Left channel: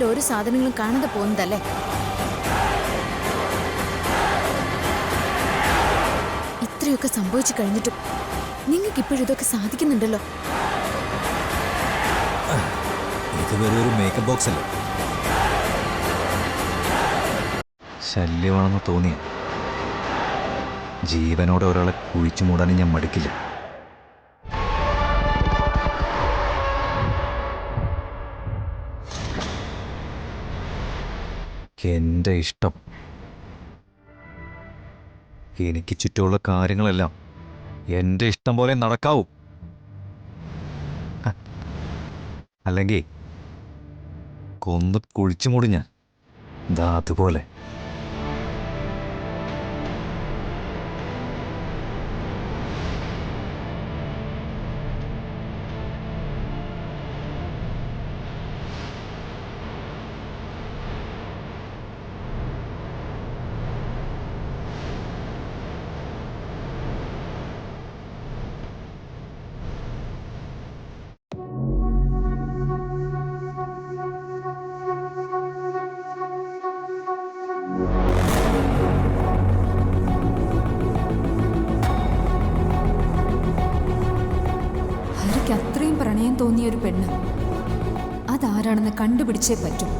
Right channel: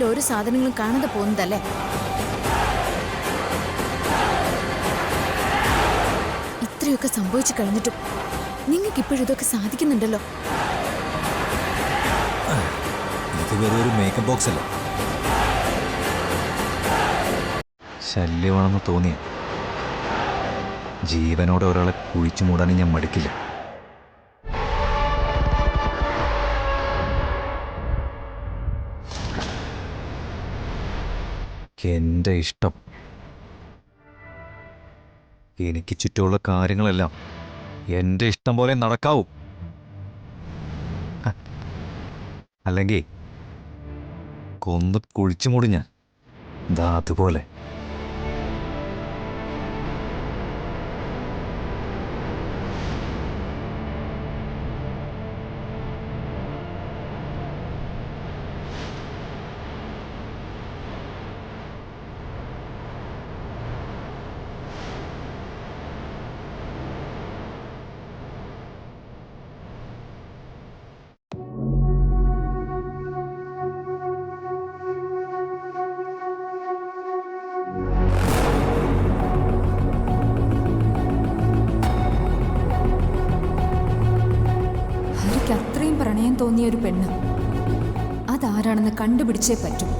വീട്ടിൽ ഒരു സാധനങ്ങളും കാണാതെ പോകുന്നതല്ലേ? ഇത്രയൊക്കെ സംഭവിച്ചു കഴിഞ്ഞിട്ടും നിങ്ങൾക്ക് ഇപ്പോഴും ഇതൊക്കെ സാധിക്കുന്നുണ്ടല്ലോ. ഇത് വെറും ഒരു മേക്കപ്പ് ബോക്സ് അല്ലേ. ശല്യമാണെന്ന് തോന്നിയ ജീവനോടെ ഒരാളെ കുഴിച്ചു മൂടാനും ഞാൻ മടിക്കില്ല. എൻ്റെ ഇഷ്ടം. എനിക്ക് ചുറ്റുമുള്ള കാര്യങ്ങളെല്ലാം എൻ്റെ ഇഷ്ടം പോലെ നടക്കാവൂ. അല്ലെങ്കിൽ കൊന്ന് കുഴിച്ചു മൂടി ഞാൻ. ദാ അതുപോലെ. ഹരിക്ക് അത്രയും പ്രണയം തോന്നിയ ഒരു പെണ്ണ് അതാരാണെന്ന് കണ്ടുപിടിച്ചേ പറ്റും.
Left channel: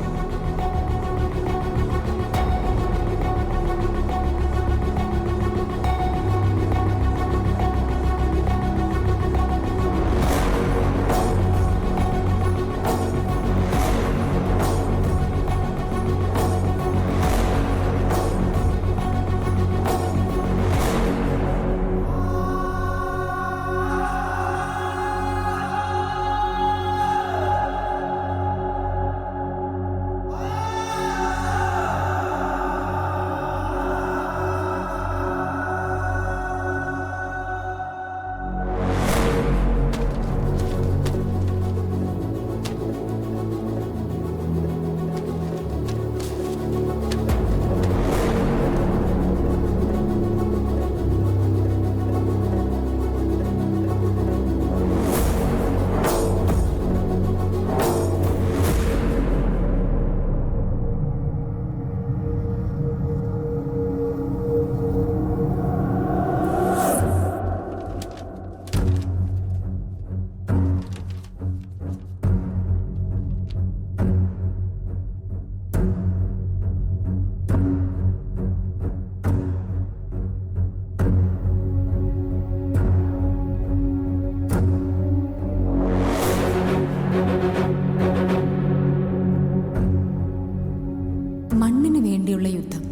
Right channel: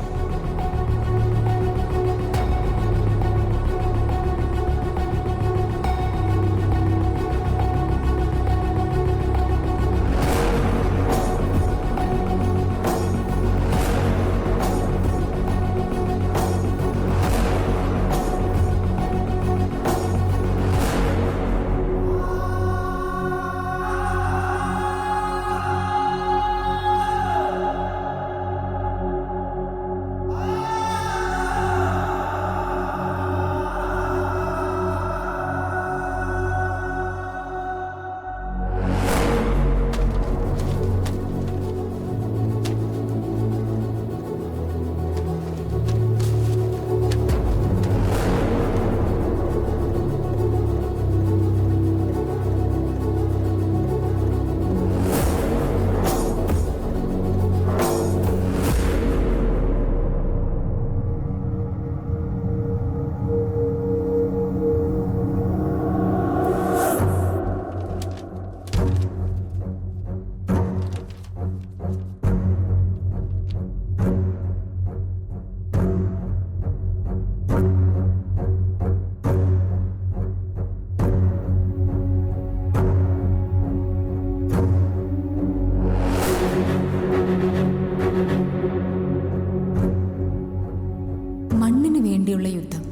മണ്ണിന് വേണ്ടിയുള്ള യുദ്ധം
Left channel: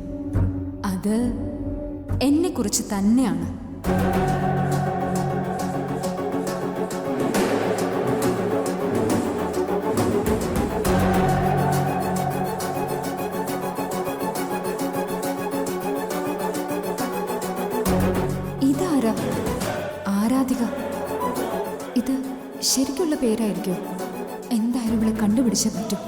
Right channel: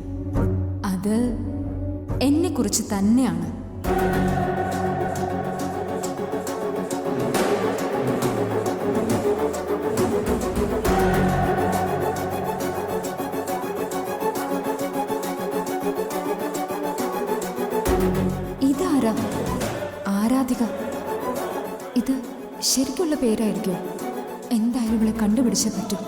അത് എന്നെക്കുറിച്ച് തന്നെയാണ്. ഇതാരാ? ആരാധിക. ഇത് ശരിക്കുള്ള പേരായിരിക്കോ? എന്തായാലും ഇവളെ കണ്ടുപിടിച്ചേ പറ്റൂ.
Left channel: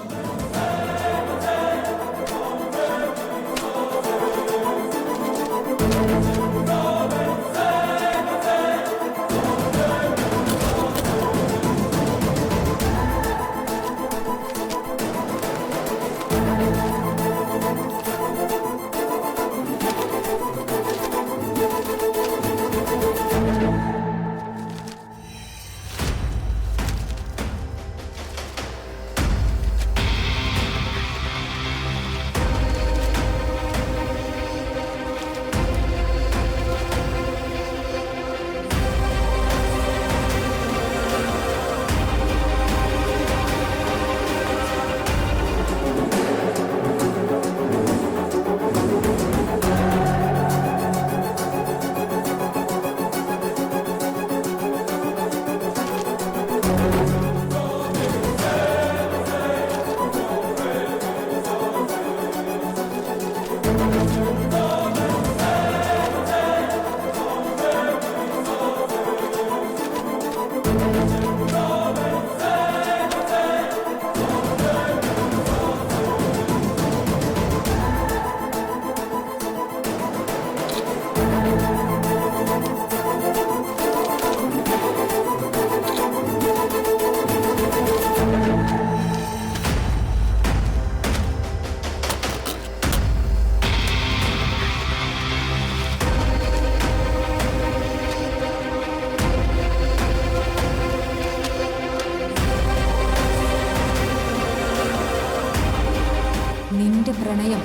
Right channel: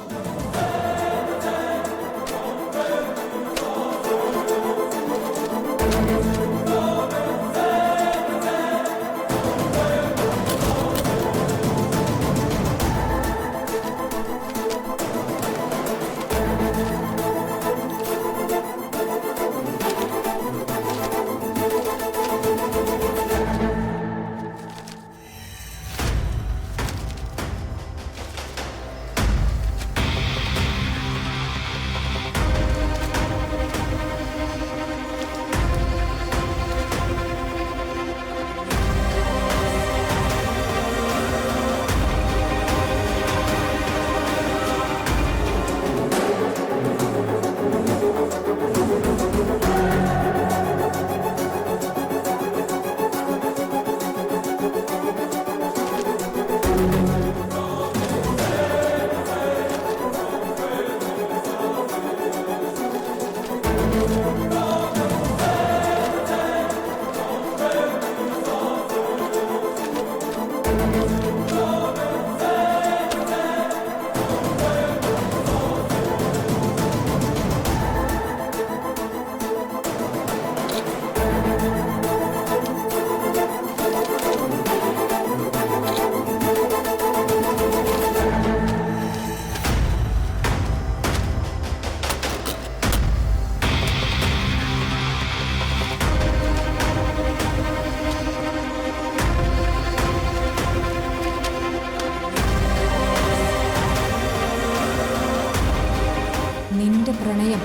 പ്രണയം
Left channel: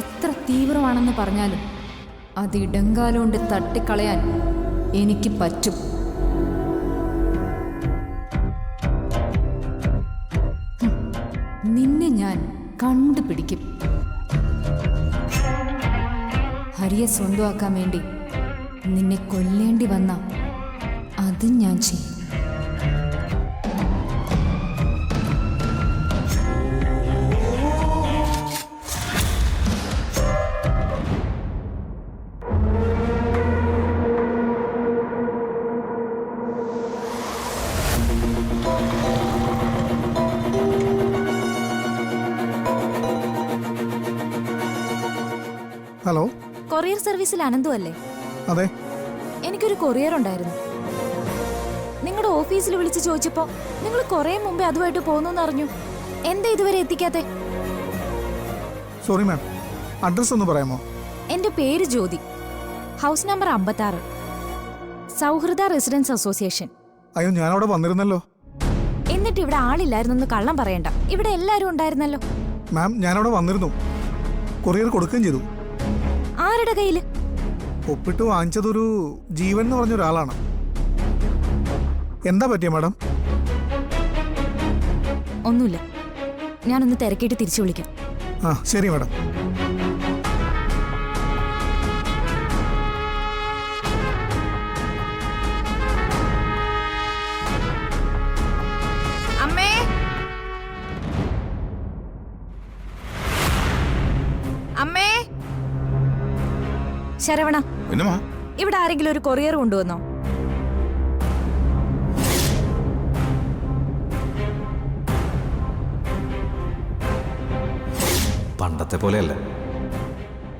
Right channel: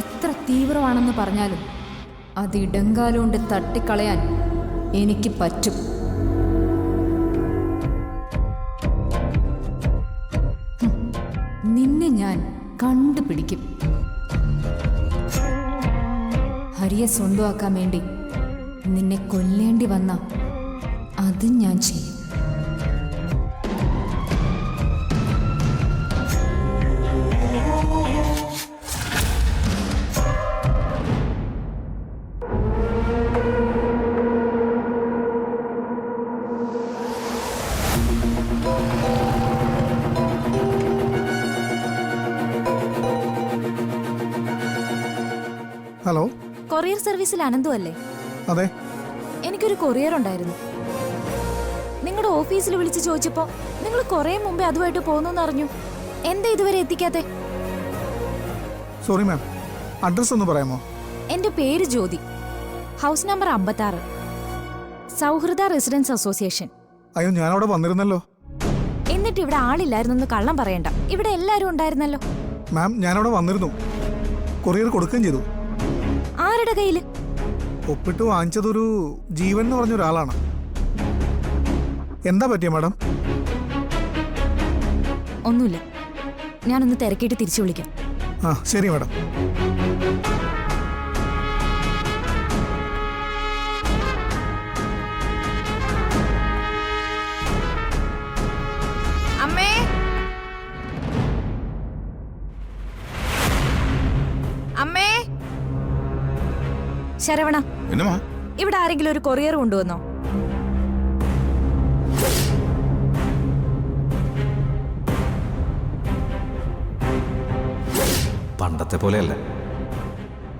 എത്ര തീവ്രമാണെന്ന് പറഞ്ഞാലും അത് ഇടങ്കാലുകൊണ്ട് തട്ടിക്കളയാൻ എനിക്ക് പറ്റും. നിന്നെ ഞാൻ കണ്ടുപിടിക്കും. ഹരിയെ സ്വന്തമാക്കാൻ വേണ്ടി നിന്നെ കൊല്ലേണ്ടി വന്ന അതും ഞാൻ ചെയ്യും. ഹലോ, കൊറിയർ സർവീസിൽ അനന്തു അല്ലേ? അതെ. എനിക്കൊരു കൊറിയർ ഉണ്ടായിരുന്നു. നിങ്ങളുടെ ഓഫീസിൽ വിളിച്ച് ചോദിച്ചപ്പോ നിങ്ങൾ കുറെ മുമ്പേ അതുമായിട്ട് പോകുന്നു അറിഞ്ഞു. എന്താ ഇതുവരെ എത്തിക്കാത്തെ? സോറി മാം, അഡ്രസ് ഒന്ന് പറയാമോ? എന്റെ പേര് ജ്യോതി, ഹൗസ് നമ്പർ 56, സൗഹൃദ റെസിഡൻസ് അസോസിയേഷൻ. അയ്യോ, ഞാൻ അവിടെ വന്നിരുന്നല്ലോ. എന്നിട്ട് ഇവിടെ ആളില്ലായിരുന്നെന്ന് കള്ളം പറയണ്ട, ഇവിടെ എല്ലാരും ഉണ്ടായിരുന്നല്ലോ. മാം, ഞാനവിടെ വന്നിരുന്നു, കൊറിയർ കൊടുക്കുകയും ചെയ്തു. ആരുടെ കയ്യില്? ഒപ്പിട്ട് വാങ്ങിച്ചതൊരു ജീവൻ എന്ന് പറഞ്ഞ ഒരാളാണ്. എന്താ പറ്റിയ മാഡം? ഒന്നുമില്ല, ഞാനൊന്ന് തിരക്കിയിട്ട് തിരിച്ചു വിളിക്കാം. ആ ശരി മാഡം. അമ്മേ, അമ്മേ. ശരവണ, ഇവിടെ ആരെങ്കിലും ഒരു കൊറിയർ കൊണ്ടുവന്നോ? പണ്ടത്തെ പോലെയല്ല.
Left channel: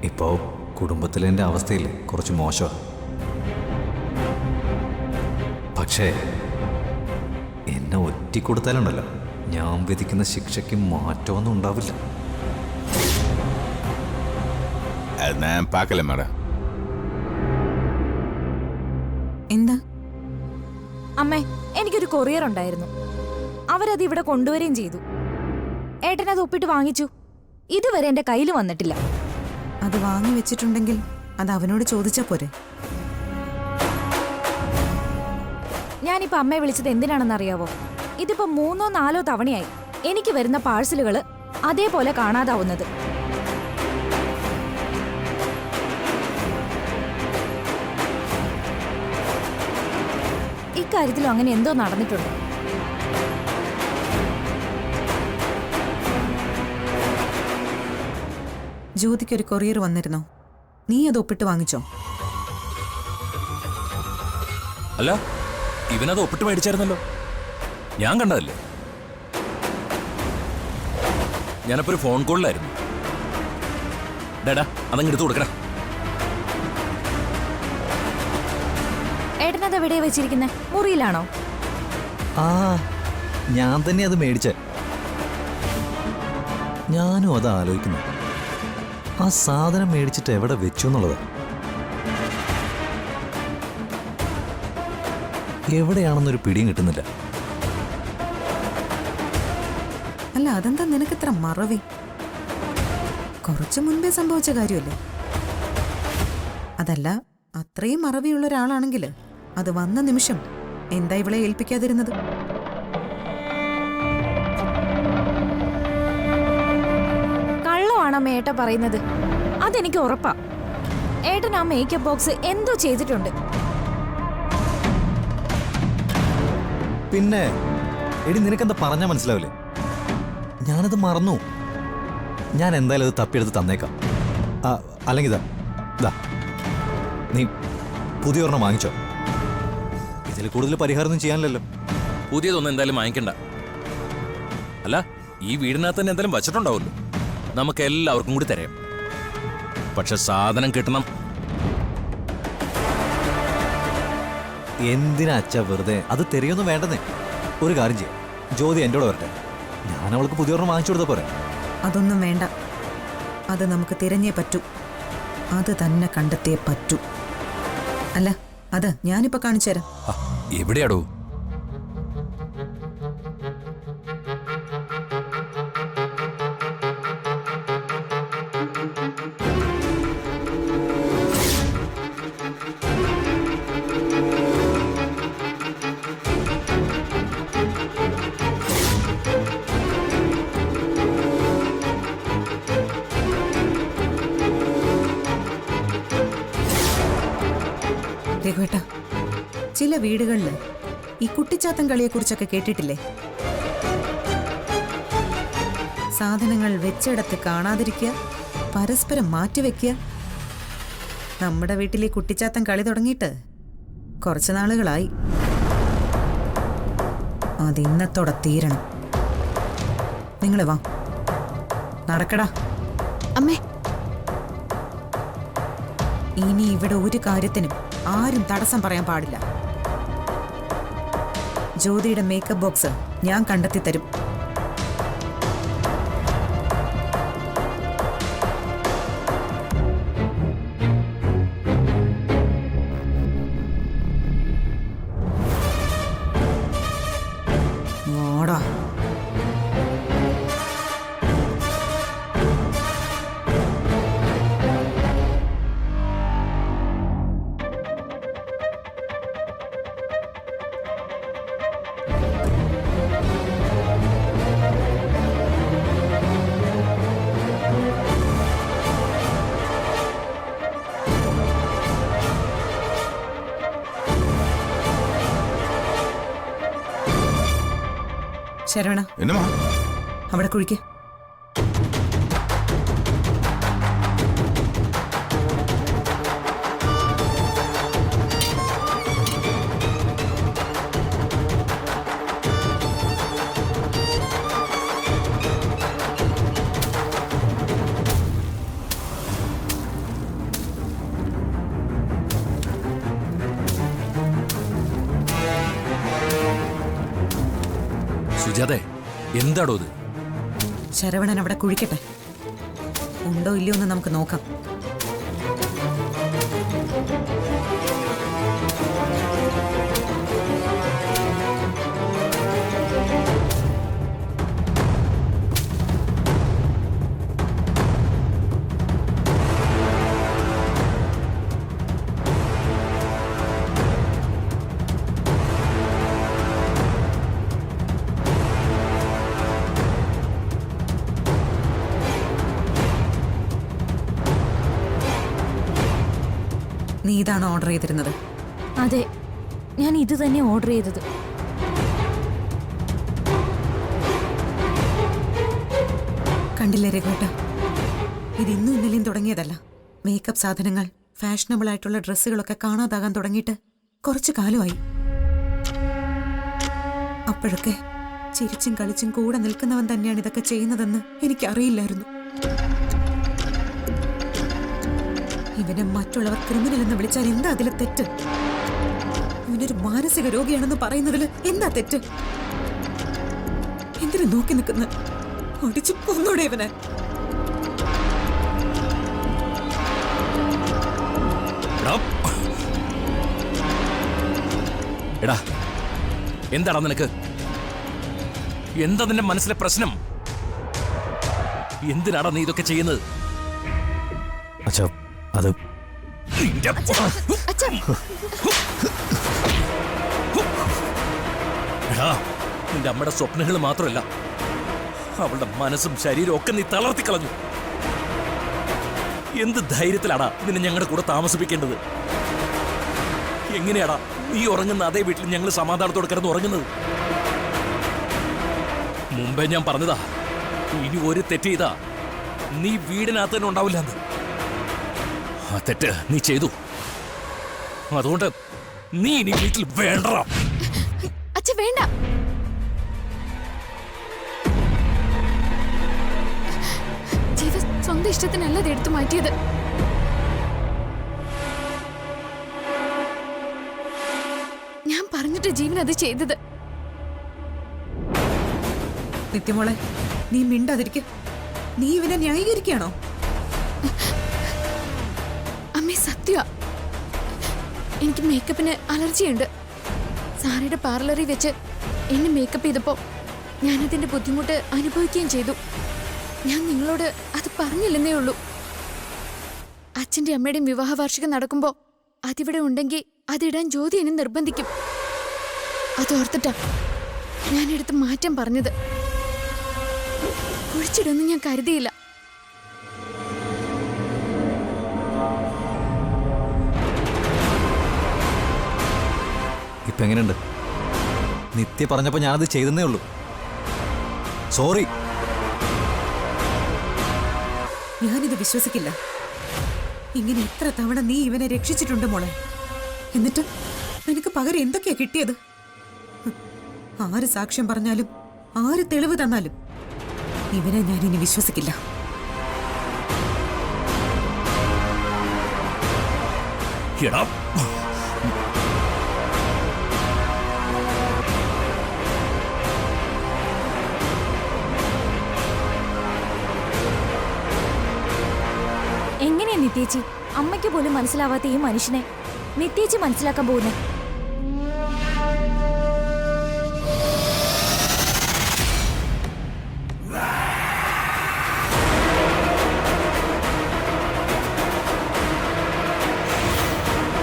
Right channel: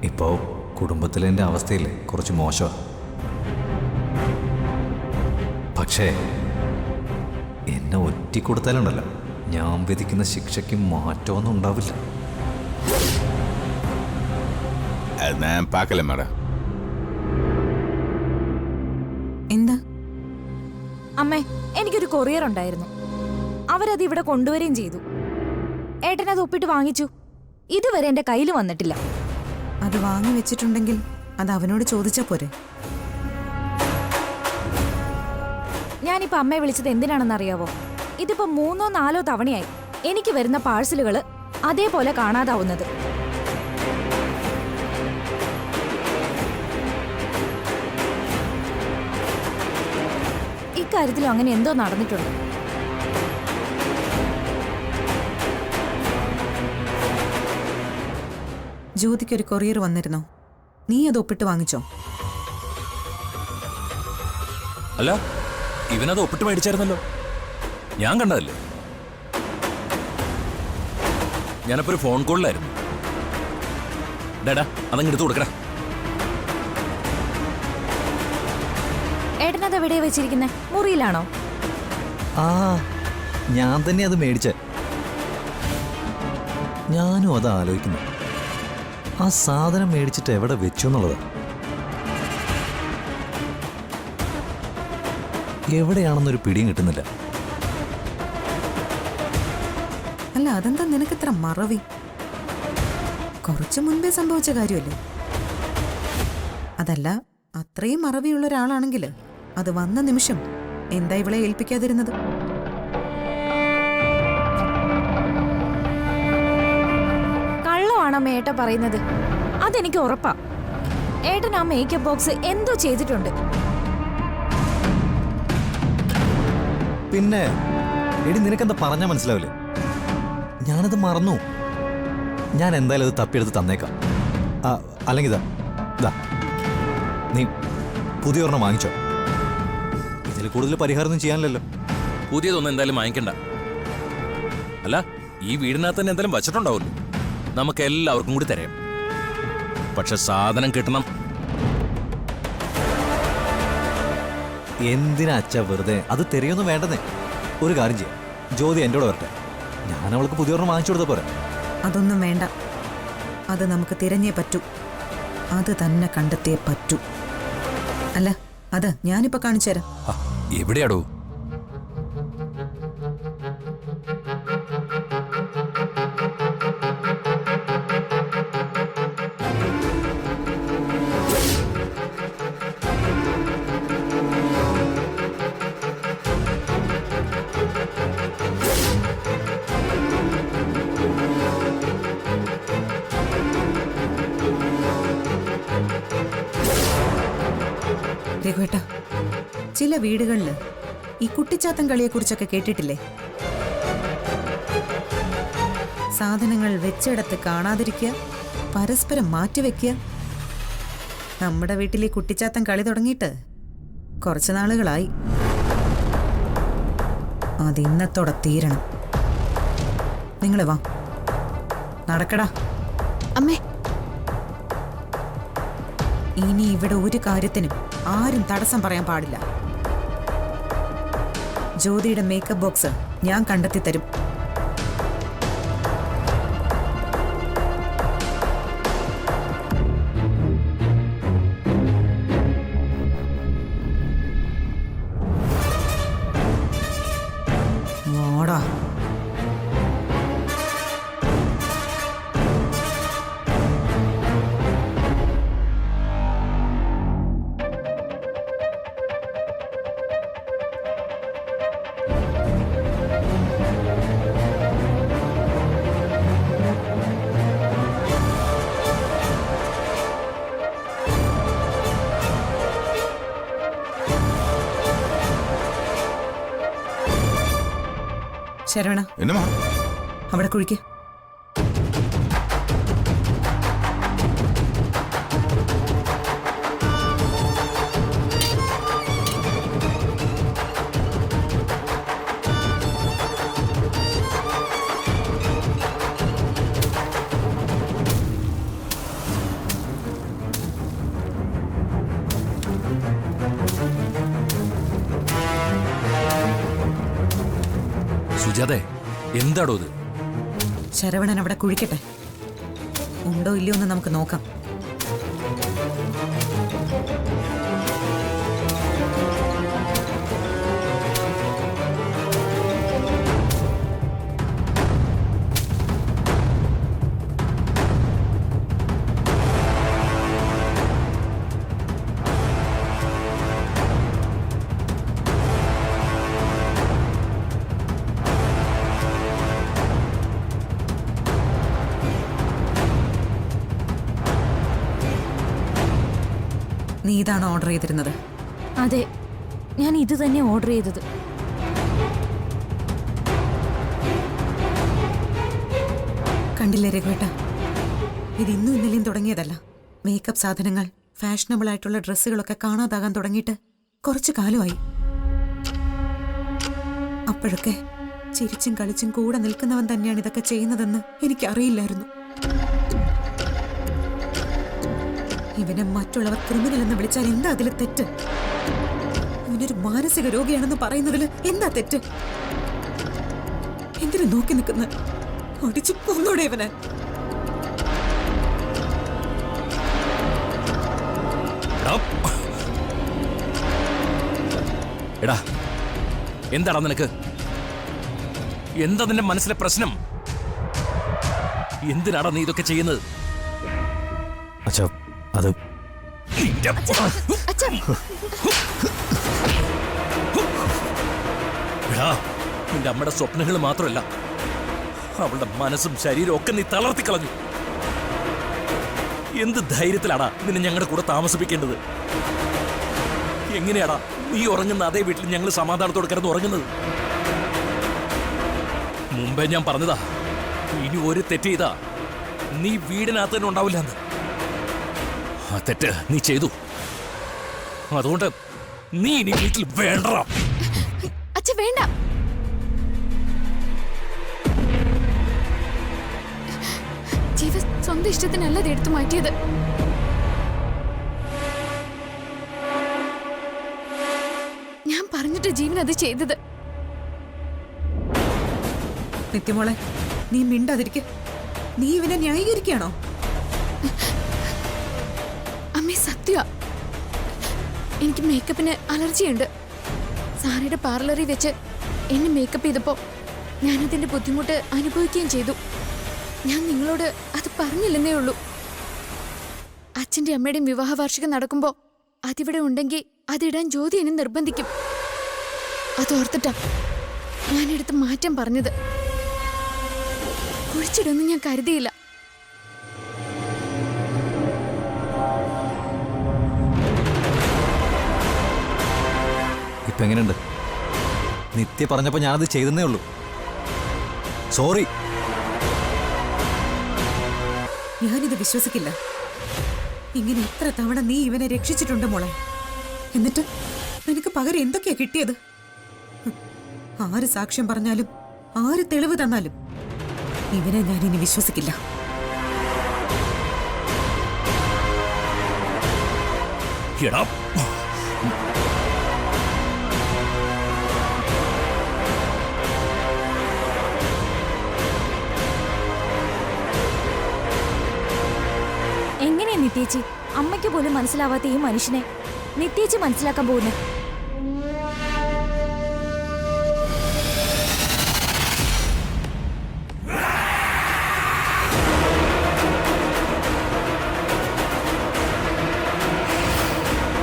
ഇപ്പോൾ കുടുംബത്തിലെ എൻ്റെ അവസ്ഥയില്ലേ കുറച്ച് മോശമാണ്. പക്ഷേ എന്നെ ഒറ്റിക്കൊടുത്താലുണ്ടല്ലോ, ഞാൻ വിധിക്കുന്ന ശിക്ഷയ്ക്ക് മാറ്റമൊന്നും ഉണ്ടാവില്ല. എന്താ അമ്മേ, എനിക്കൊരു കൊറിയർ ഉണ്ടായിരുന്നു. അവരത് ഇവിടെ കൊണ്ടുവരികയും ചെയ്തു. ഏട്ടനത് ഒപ്പിട്ട് വാങ്ങിച്ചു. ഇതുവരെ എന്റെ കയ്യിൽ വന്നിട്ടില്ല. അത് വാങ്ങി വെച്ചിട്ടുണ്ടെങ്കിൽ അത് അവനോട് ചോദിച്ചാ പോരെ? ഞാനിപ്പോ അമ്മയെ വിളിച്ചത് എന്തിനാണെന്നറിയാവോ? ഇതിപ്പോ 3ഓ 4ഓ തവണയായി എനിക്ക് വരുന്ന പാഴ്സലുകള് അതേപോലെ കാണാതാവുന്നത്. ഇക്കാര്യത്തിലും അങ്ങനെ എന്തോ നടന്നിട്ടുണ്ട്. ജ്യോതിക്കൊരു കൊറിയർ വന്നിരുന്നോ? നീ അത് ഒപ്പിട്ട് വാങ്ങിച്ചോ? അല്ല, ഇവനത് ഒപ്പിട്ട് മേടിച്ചായിരുന്നല്ലോ, ഞാൻ കണ്ടതല്ലേ. ഞാനപ്പോ ഒരു ഫോൺ കോളിലായിരുന്നു. ഡാടാ, അതങ്ങ് എടുത്തു കൊടുക്കടാ. ഏട്ടനത് എവിടെയാ വെച്ചിരിക്കുന്നത്? മുറിയിലാണോ? ആ, ഞാൻ തന്നെ അത് മേടിച്ച. ഞാനും അത് ആലോചിക്കുന്നു, ആ സാധനം മേടിച്ചിട്ട് എവിടെ വെച്ചു എന്നുള്ളത്. എവിടെയാണെന്നൊരു പിടിയും കിട്ടുന്നില്ല. അല്ല, അതെന്താ നിനക്കിത്ര മറവി? കുറച്ചു മുൻപേ സംഭവിച്ച കാര്യമല്ലേ? അതല്ല, അത്രയും മറവിയുള്ള ഒരാളാണെങ്കിൽ അത് വന്ന നിമിഷം എന്താ ഇവളെ ഏൽപ്പിക്കാതിരുന്നത്? കള്ളമാണോ ഏട്ട പറയുന്നത്? അതെനിക്ക് ഉറപ്പാ. ഏട്ടൻ ആ മേക്കപ്പ് ബോക്സ് എന്തോ ചെയ്തിട്ടുണ്ട്. പിന്നെ എടി, നിനക്കെന്താ പറഞ്ഞാൽ മനസ്സിലാവില്ലേ? ഞാനത് മറന്നു. ഞാൻ എന്തായാലും അത് തപ്പിയെടുത്ത് തന്നേക്കാം. അല്ലെങ്കിൽ ഇതാ നീ പുതിയ ഒരെണ്ണം വാങ്ങിച്ചോ. ഇതിൽ കൂടുതൽ പരിഹാരമൊന്നും ചെയ്യാനില്ലല്ലോ. പുതിയതൊന്നും എന്തായാലും വാങ്ങിക്കണ്ട. അല്ല, ഈ വീടിനകത്ത് തന്നെ എന്തായാലും വച്ചിട്ടുണ്ടാവുമല്ലോ, നമുക്ക് എല്ലാവർക്കും കൂടി തരാം. പക്ഷെ സാധനം കിട്ടണം. എന്തിനാ അച്ഛാ വെറുതെ? അത് തെരയൊന്നും വേണ്ടെന്നേ. ഒരു കാര്യം ചെയ്യാം, ജ്യോതി എൻ്റെ കൂടെ വരട്ടെ, ഞാൻ അവൾക്ക് പുതിയ ഒരെണ്ണം വാങ്ങിച്ചു കൊടുത്താൽ പോരെ? അതൊന്നും വേണ്ട, അത് നമുക്ക് തിരഞ്ഞേ പറ്റൂ. അത് തന്നെ കണ്ടെത്തിയേ പറ്റൂ. അല്ല, അത് ഞാനിപ്പോ കാണിച്ചു തരാം. എവിടെയാടോ? രഘുവേട്ട, ചില വീടുകളിൽ ഈ കുട്ടിച്ചാത്തൻ കളിയെക്കുറിച്ചൊക്കെ കേട്ടിട്ടില്ലേ? സാധനങ്ങൾ വെച്ചിടത്ത് കാണാതിരിക്കുക, പരസ്പരം മാറ്റിവെക്കുക. നമ്മുടെ വീട്ടിൽ ഈ കുട്ടിച്ചാത്തൻ കളി തുടങ്ങിയിട്ട് കുറച്ചു നാളുകളായി. അതിന്നത്തോടെ തീരണം. നിങ്ങൾ വാ, നടക്കടാ. അമ്മേ, ഇനി ഇവിടെ ഒരു കാര്യത്തിനും ആരും തടസ്സം പറയാൻ പാടില്ല. ജ്യോതിയുടെ മേക്കപ്പ് ബോക്സ് ഞാൻ കണ്ടെത്തി തരും. വാടാ. ശരവണ, എന്നമാ അവിടെ കുഴിക്ക്. സുജാതെ, എന്താടോ ഇത്? ശരവണൻ അവിടെ കുഴിക്കട്ടെ. ഉണ്ടോ ഇല്ലയോ എന്ന് നമുക്ക് നോക്കാം. നീ ഇതാണ് ഓർഡർ ചെയ്തിരുന്നത്? അതെ, ഞാൻ ഇത് തന്നെ ഓർഡർ ചെയ്തത്. കണ്ടില്ലേ രഘുവേട്ട, ഇത് ഇന്നും ഇന്നലെയും തുടങ്ങിയതല്ല. മേക്കപ്പ് സാധനങ്ങൾ, ഫാഷനബിൾ ആയിട്ടുള്ള ഡ്രസ്സുകളൊക്കെ കാണാതാകാൻ തുടങ്ങിയിട്ട് കുറച്ചു കാലമായി. അപ്പോഴൊക്കെ ചിരിച്ചും കളിച്ചും കൂടെ നിൽക്കുന്നവൻ തന്നെയാണ് ഇതൊക്കെ ചെയ്യുന്നതെന്ന് എനിക്കറിയില്ലായിരുന്നു. ഇവനെ മറ്റുള്ളവർ ക്രിമിനൽ എന്ന് വിളിച്ചാൽ എന്താ അതിലെ തെറ്റ്? ഇവനൊരു മാനസിക രോഗിയാണെന്ന് പറയുന്നതിൽ എന്താ തെറ്റ്? എന്തിനു നോക്കി നിൽക്കുന്ന? ഒടിച്ചു കൊന്നോടെ ഇവനെ. എടാ, എന്താടാ നിനക്ക്? എന്താ നിന്റെ മനസ്സിലെ പ്രശ്നം? എന്തിനാടാ നീ ഇതൊക്കെ ചെയ്യുന്നത്? അച്ഛാ, അത് നിന്റെ അമ്മയുടെ സ്വപ്നങ്ങൾ മാത്രമല്ല, അവളുടെ മനസ്സും ശരീരവും ഒക്കെ നീ തളർത്തി കളഞ്ഞു. എന്ത് ധൈര്യത്തിലാടാ നിന്നെ ഞങ്ങളുടെ കൂടെ താമസിപ്പിക്കേണ്ടത്? എങ്ങനെയാടാ നീ ഉറങ്ങുന്ന അതേ വീട്ടിൽ ഞങ്ങൾ സമാധാനത്തോടെ കിടന്ന് ഉറങ്ങുന്നത്? മുമ്പേ ഞാൻ പറഞ്ഞതാ, ഇനി ഒരു തെറ്റ് ചെയ്താ നീ വീടിനകത്ത് തന്നെ ഉണ്ടാവില്ല എന്ന്. ആ തെറ്റ് നീ ചെയ്തു. അതുകൊണ്ട് നീ ഇനി വീട്ടിൽ വേണ്ട. അച്ഛ വേണ്ട. ജീവ സ്വന്തം ഇഷ്ടത്തിനല്ല അത് എടുത്തു മാറ്റിയത്. ഞാൻ പറഞ്ഞിട്ട് ജീവൻ അത് ചെയ്തത്. നിത്യമോളെ, നീ മിണ്ടാതിരിക്ക. നീ ഇവനെ ന്യായീകരിക്കുകയാണോ? അമ്മേ, സത്യ എനിക്ക് മേക്കപ്പിന് അലർജിയുണ്ട്. സാറയുടെ പാർലറിൽ വെച്ച് എന്നെ മേക്കപ്പ് ചെയ്തപ്പോ ഞാനതിന്റെ ബുദ്ധിമുട്ട് അനുഭവിക്കുകയും ചെയ്തു. ഞാൻ നിങ്ങളോട് അത് പറഞ്ഞില്ലെന്നേ ഉള്ളൂ. അച്ഛന്റെ അമ്മയുടെയും വിവാഹ വാർഷികം നടക്കുമ്പോ അതിവിടെ ഉണ്ടെങ്കിൽ അതിടാൻ ജ്യോതി എന്നെ നിർബന്ധിക്കും. അതോർത്തിട്ടാ ഞാനെടുത്ത് മാറ്റം പറഞ്ഞത്. കുഴിച്ചിടുമെന്ന് ഞാൻ കരുതിയില്ല. ഇപ്പൊ എങ്ങനെയുണ്ട്? നിത്യ പറഞ്ഞപ്പോ ഞാനത് ചെയ്തെന്നേ ഉള്ളൂ. സോറി. ഞാനിത് വിശ്വസിക്കില്ല. ഇങ്ങനെ എത്ര തവണ നീ ഇവനെ രക്ഷിച്ചിട്ടുണ്ട് മോളെ. എന്നിട്ട് നിനക്ക് പകരം എന്തൊക്കെയാ കിട്ടിയത്? ആര് സാക്ഷ്യം പറഞ്ഞാലും ആര് തെളിവ് തന്നാലും ഇവനെ ഞാൻ ഇനി വിശ്വസിക്കില്ല. എടാ, എങ്ങനെയാ നിത്യേച്ചി അമ്മയ്ക്ക് പോലും മനസ്സിലാവാത്ത ഈ മനുഷ്യനെ നിത്യേച്ചി മനസ്സിലാക്കാൻ പോകുന്നേ?